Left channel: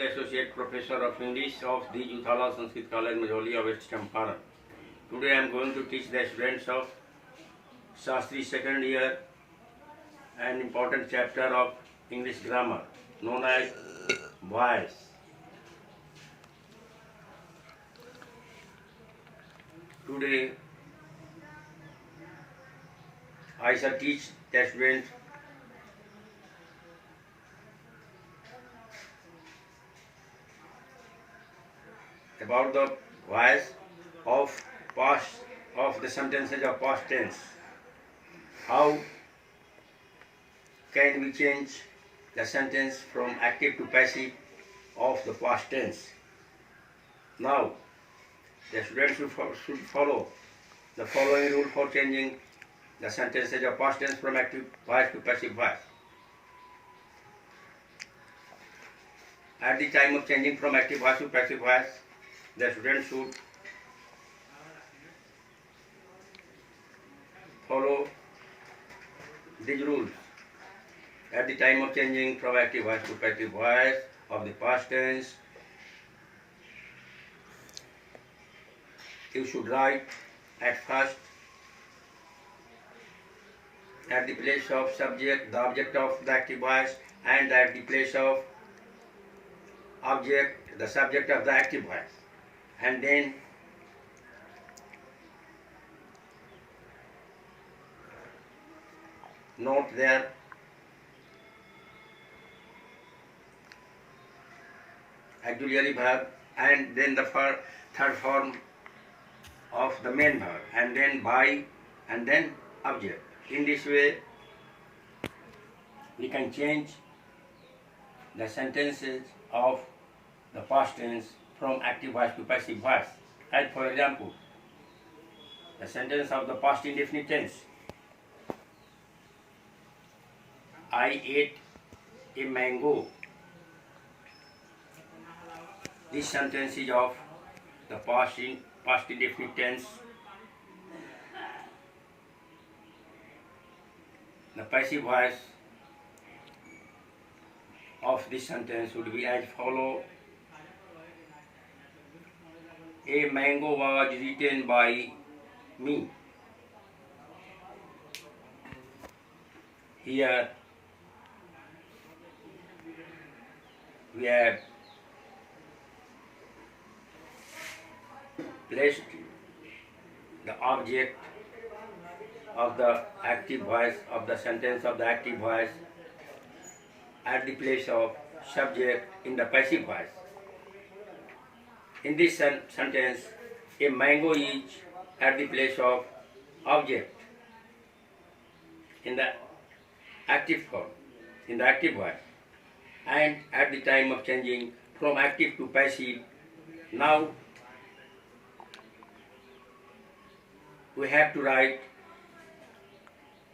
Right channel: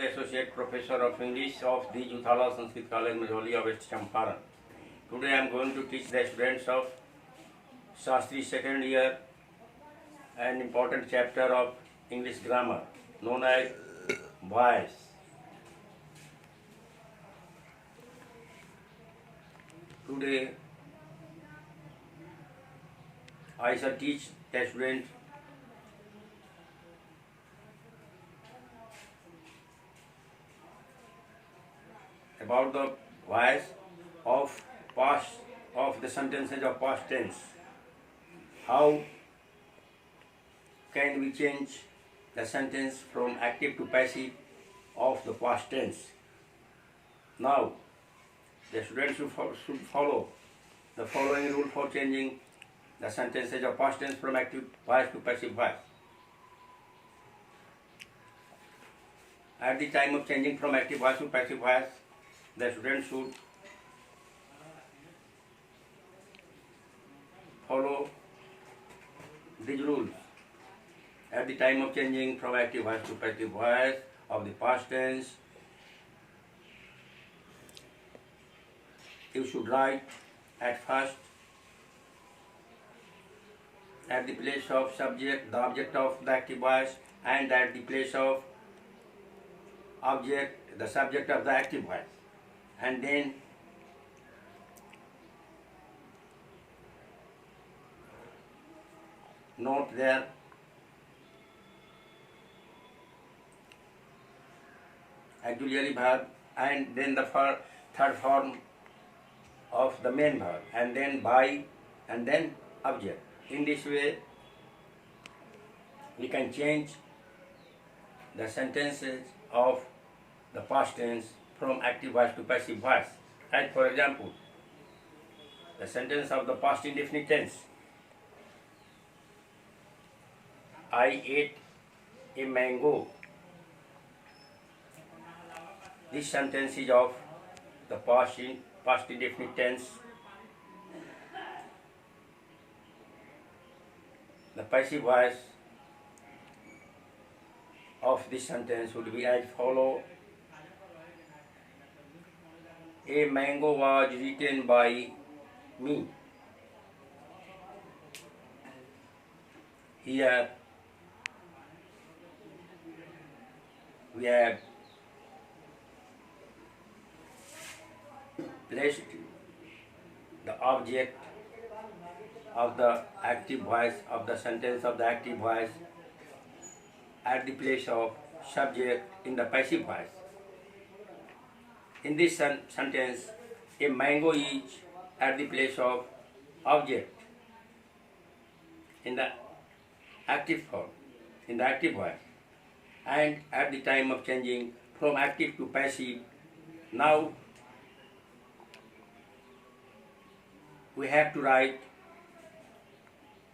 the Associate Professor of English of the Juthala Sanskrit College, Majoli, West Champaran. Today I am going to teach the students of Shastri second year an important chapter of English grammar known as voice. Today I shall teach the students about the voice of the sentences of past tense. How can we change the sentence from active to passive of the past tense? Now, the students should follow the following rule for changing the sentences of past tense from active voice to passive voice. At the time of changing from active voice to passive voice, the student should follow these rules. At the time of changing from active voice to passive voice of the past tense, you should write at first at the place of subject, the object of the active voice, and at the place of object, the subject of the active voice. And then note there auxiliary verb, and then the third form of the main verb, and then by, and then object. In this way we can change the sentences of the past tense from active voice to passive voice. As for example, the sentence of the past indefinite tense: I ate a mango. This sentence is of the past indefinite tense. The passive voice of this sentence would be as follow: a mango was eaten by me. Here we have placed the object of the active voice of the sentence of the active voice at the place of subject in the passive voice. In this sentence, a mango is at the place of object in the active form, in the active voice, and at the time of changing from active to passive, now we have to write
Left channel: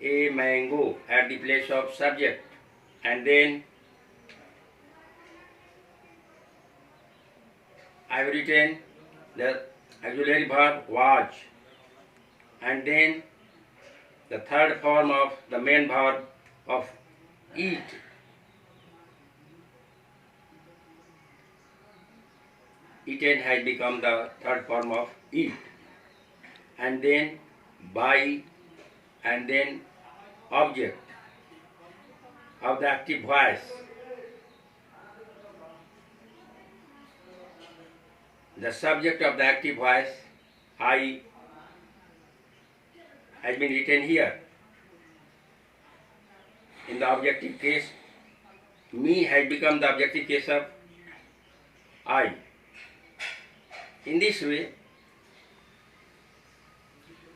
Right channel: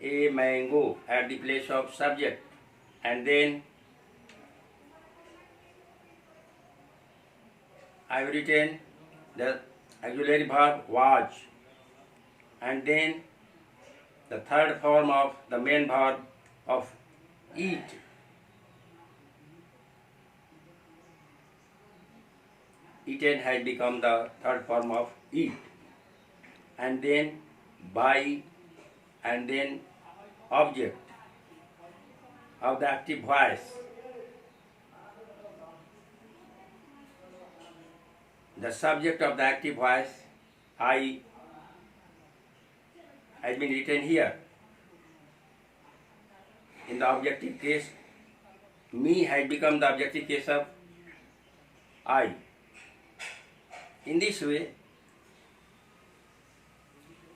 a mango at the place of subject, and then I have written the auxiliary verb was, and then the third form of the main verb of eat. Eaten has become the third form of eat, and then by, and then object of the active voice. The subject of the active voice, I, has been written here. In the objective case, me has become the objective case of I. In this way,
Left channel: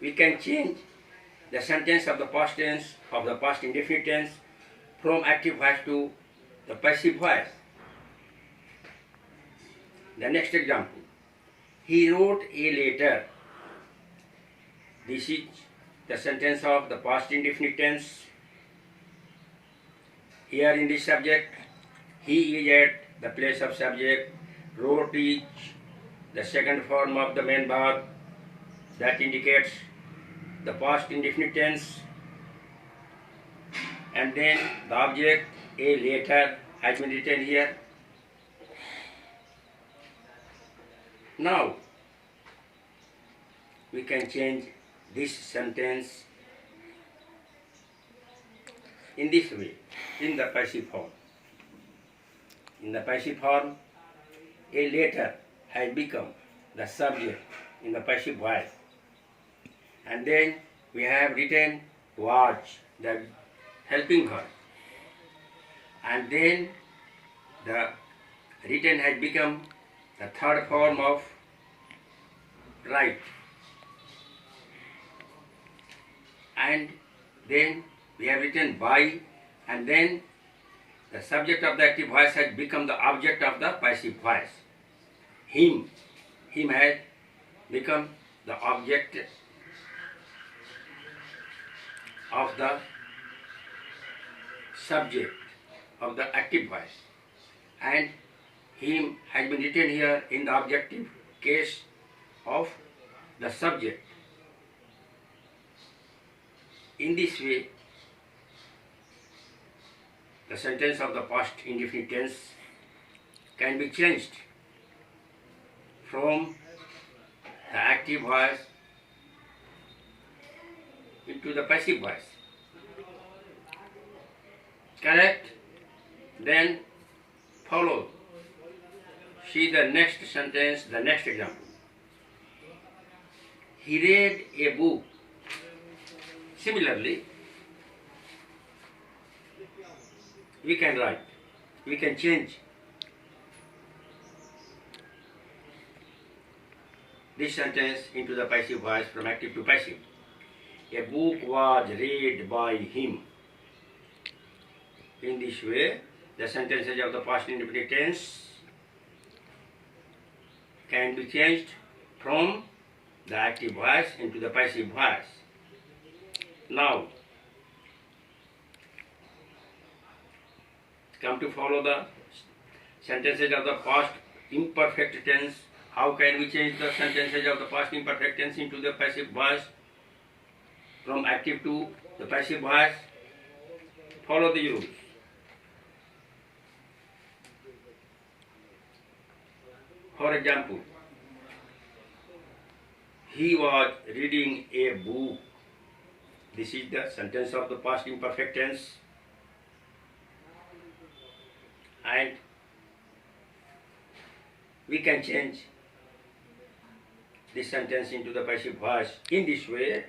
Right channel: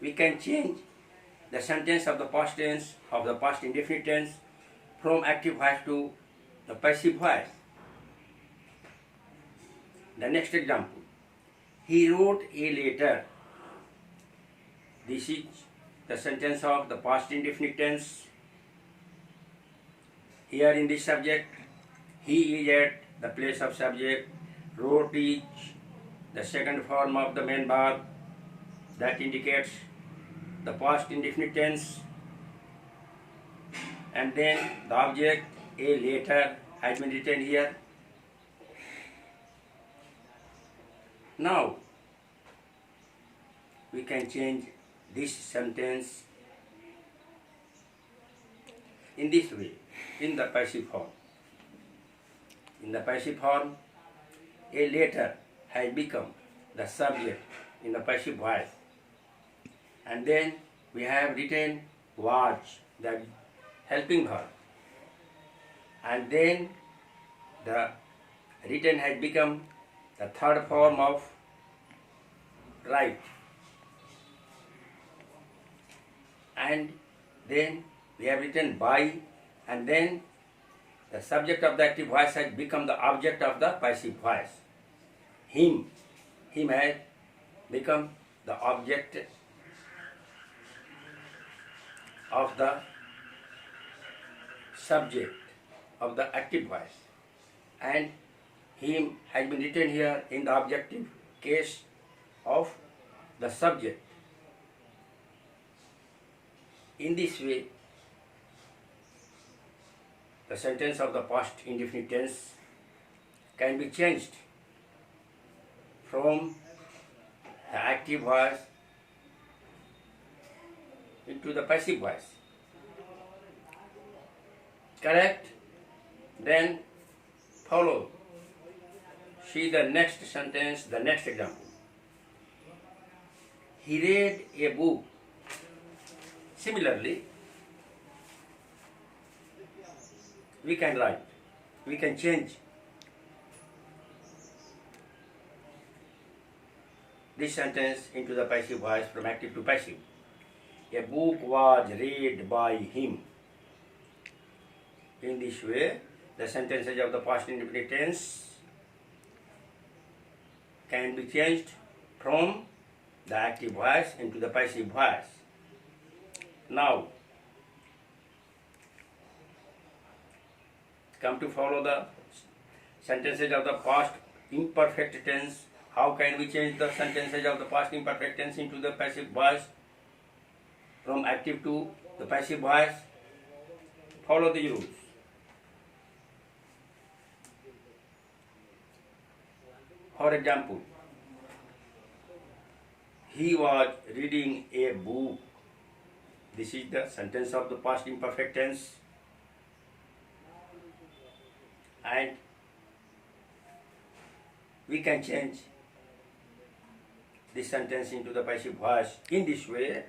we can change the sentence of the past tense, of the past indefinite tense, from active voice to the passive voice. The next example: he wrote a letter. This is the sentence of the past indefinite tense. Here in this subject, he is at the place of subject, wrote is the second form of the main verb that indicates the past indefinite tense, and then the object, a letter, has been written here. Now we can change this sentence in this way, in the passive form. In the passive form, a letter has become the subject in the passive voice. And then we have written watch, the helping verb. And then the written has become the third form of write. And then we have written by, and then the subject of the active voice has become the object of the passive voice. Him has become the object of the subject of the active voice, and him has been written here in the objective case of the subject. In this way, the sentence of the past indefinite tense can be changed from the active voice into the passive voice. Correct? Then follow. See the next sentence, the next example. He read a book. Similarly, we can write, we can change this sentence into the passive voice from active to passive. A book was read by him. In this way, the sentences of the past indefinite tense can be changed from the active voice into the passive voice. Now, come to follow the sentences of the past imperfect tense. How can we change the sentences of the past imperfect tense into the passive voice from active to the passive voice? Follow the rules. For example, he was reading a book. This is the sentence of the past imperfect tense. And we can change this sentence into the passive voice in this way.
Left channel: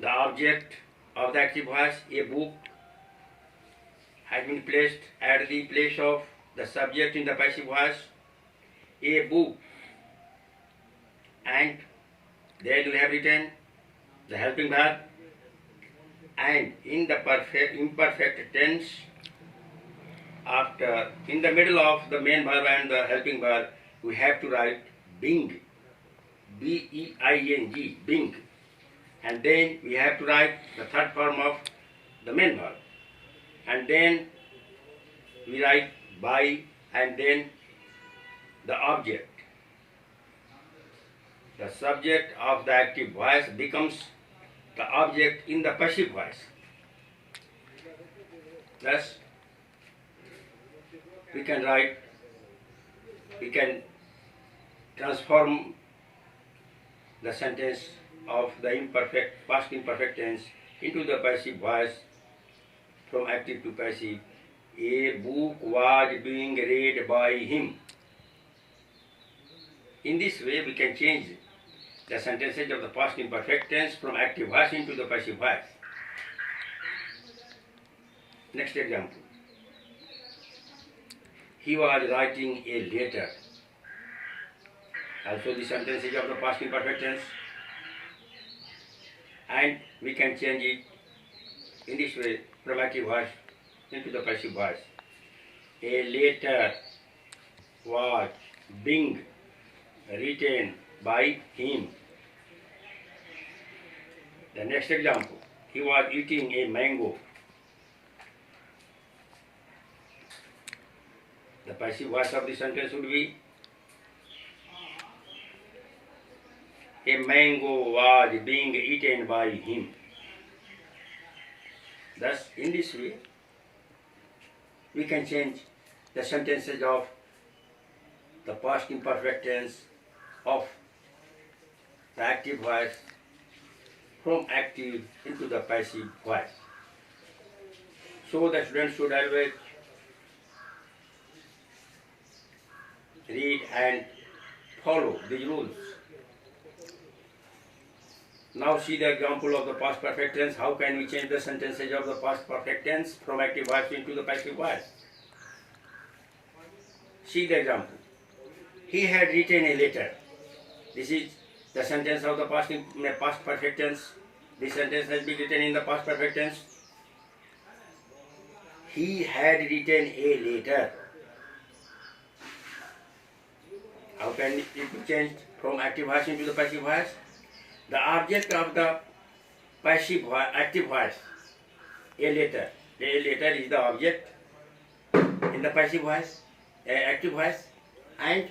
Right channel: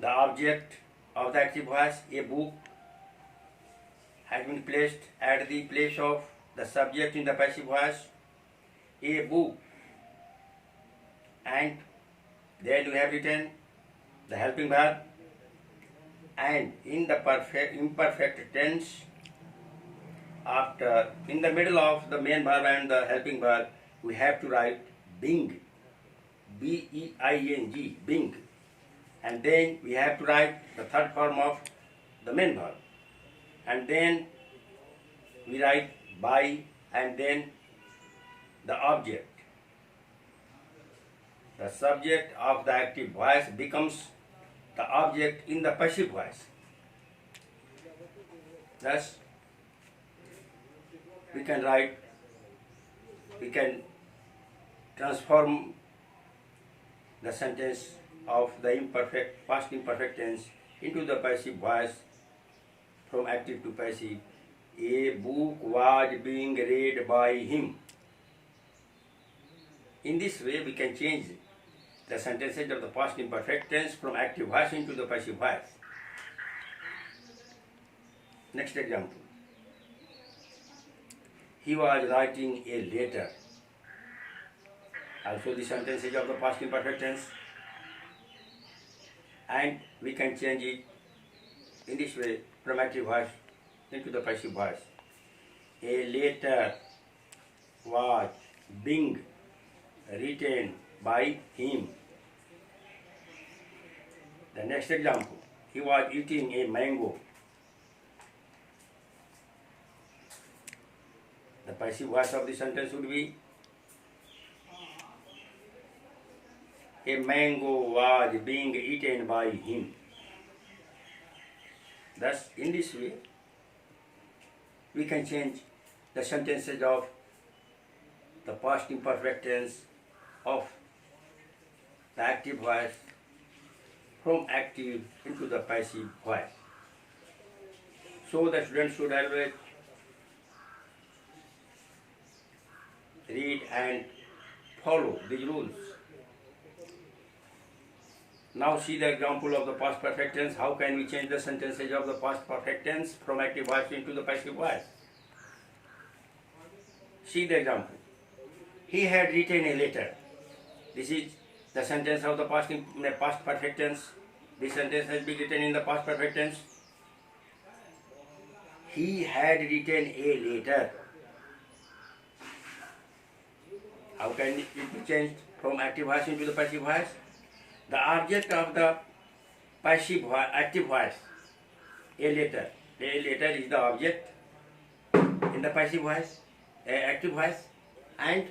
The object of the active voice, a book, has been placed at the place of the subject in the passive voice, a book, and there you have written the helping verb, and in the imperfect tense, after in the middle of the main verb and the helping verb, we have to write being, B-E-I-N-G, being, and then we have to write the third form of the main verb, and then we write by, and then the object. The subject of the active voice becomes the object in the passive voice. Thus, we can write, we can transform the sentence of the past imperfect tense into the passive voice from active to passive. A book was being read by him. In this way, we can change the sentences of the past imperfect tense from active voice into the passive voice. Next example. He was writing a letter. Also the sentences of the past imperfect tense. And we can change it in this way from active voice into the passive voice. A letter was being written by him. The next example. He was eating a mango. The passive voice of the sentence would be a mango was being eaten by him. Thus, in this way, we can change the sentences of the past imperfect tense of the active voice from active into the passive voice. So the student should always read and follow these rules. Now see the example of the past perfect tense. How can we change the sentences of the past perfect tense from active voice into the passive voice? See the example. He had written a letter. This is the sentence of the past perfect tense. This sentence has been written in the past perfect tense. He had written a letter. How can it be changed from active voice into the passive voice? The object of the passive voice, active voice, a letter. A letter is the object in the passive voice, active voice, and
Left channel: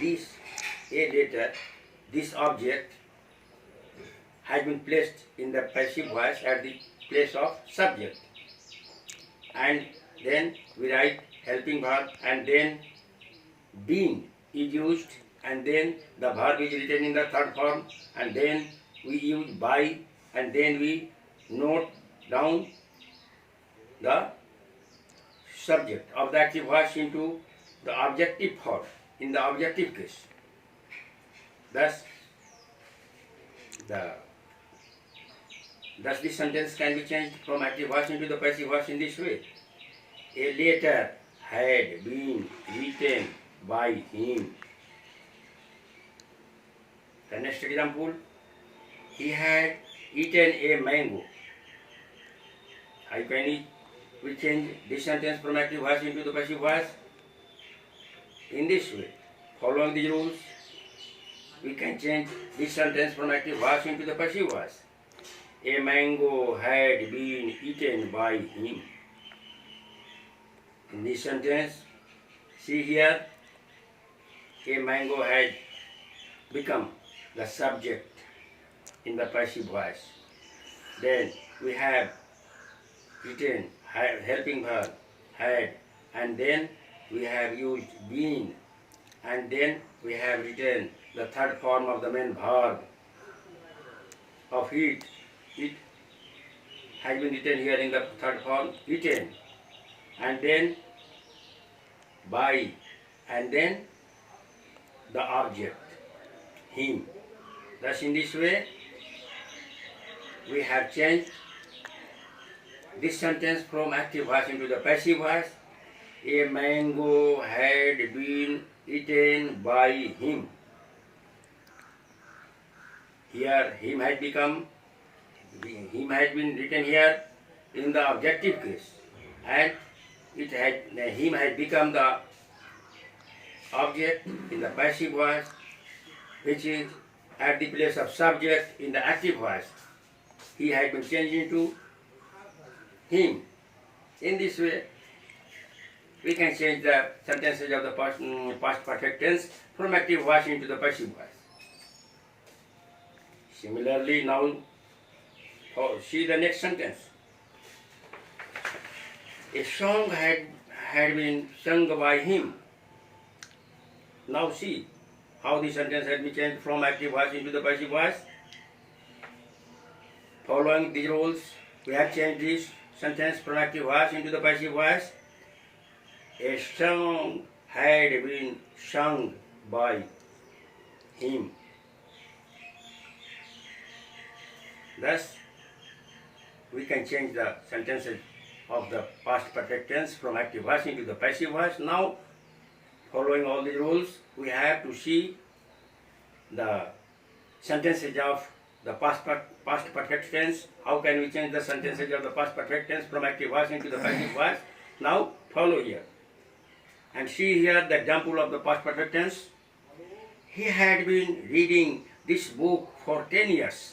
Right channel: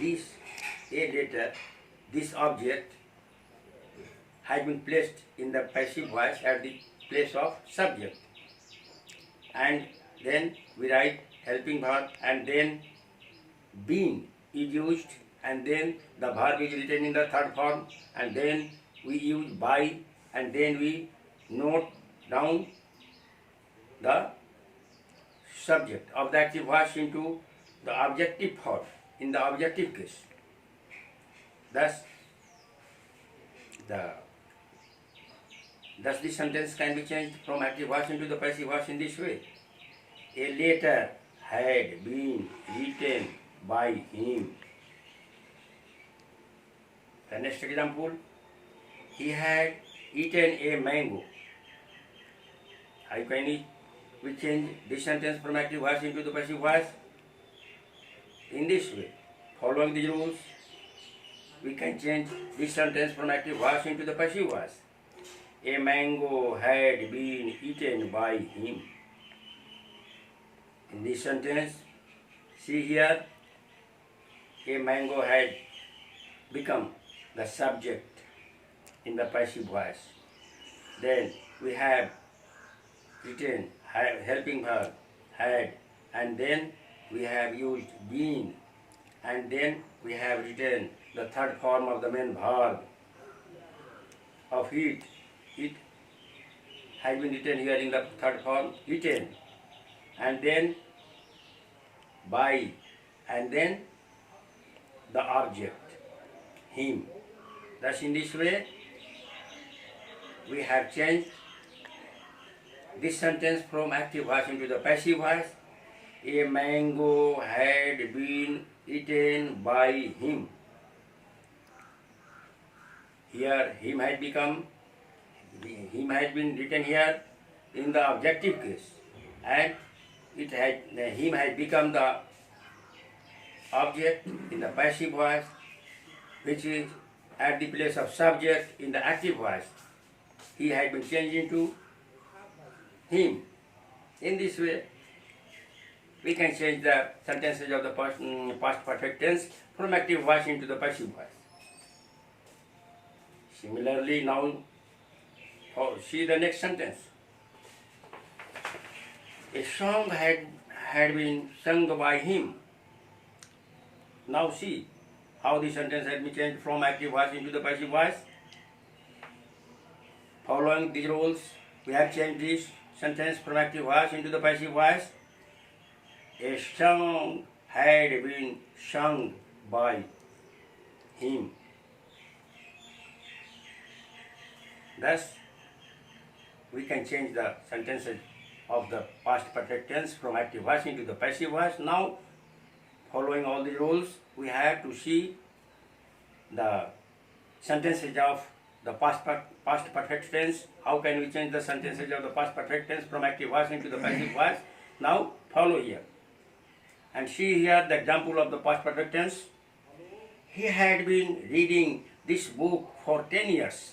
this a letter, this object has been placed in the passive voice at the place of subject, and then we write helping verb, and then being is used, and then the verb is written in the third form, and then we use by, and then we note down the subject of the active voice into the objective form in the objective case. Thus this sentence can be changed from active voice into the passive voice in this way. A letter had been written by him. The next example, he had eaten a mango. How can we change this sentence from active voice into the passive voice? In this way, following the rules, we can change this sentence from active voice into the passive voice. A mango had been eaten by him. In this sentence, see here, a mango had become the subject in the passive voice. Then we have written helping verb, had, and then we have used been, and then we have written the third form of the main verb of it. It has been written here in the third form, eaten, and then by, and then the object, him. Thus in this way, we have changed this sentence from active voice into the passive voice. A mango had been eaten by him. Here, him had been written here in the objective case, and him had become the object in the passive voice, which is at the place of subject in the active voice. He had been changed into him. In this way, we can change the sentences of the past perfect tense from active voice into the passive voice. Similarly, now see the next sentence. A song had been sung by him. Now see how the sentence has been changed from active voice into the passive voice. Following these rules, we have changed this sentence from active voice into the passive voice. A song had been sung by him. Thus, we can change the sentences of the past perfect tense from active voice into the passive voice. Now, following all the rules, we have to see the sentences of the past perfect tense. How can we change the sentences of the past perfect tense from active voice into the passive voice? Now, follow here. And see here the example of the past perfect tense. He had been reading this book for 10 years.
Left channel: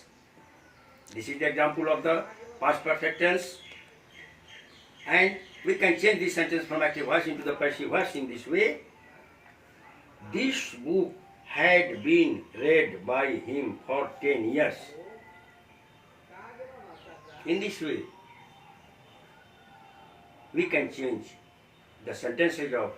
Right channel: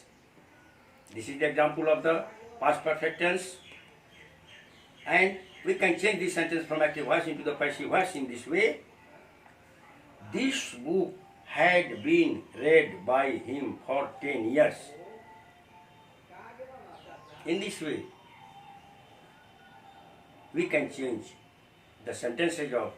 This is the example of the past perfect tense. And we can change this sentence from active voice into the passive voice in this way. This book had been read by him for 10 years. In this way, we can change the sentences of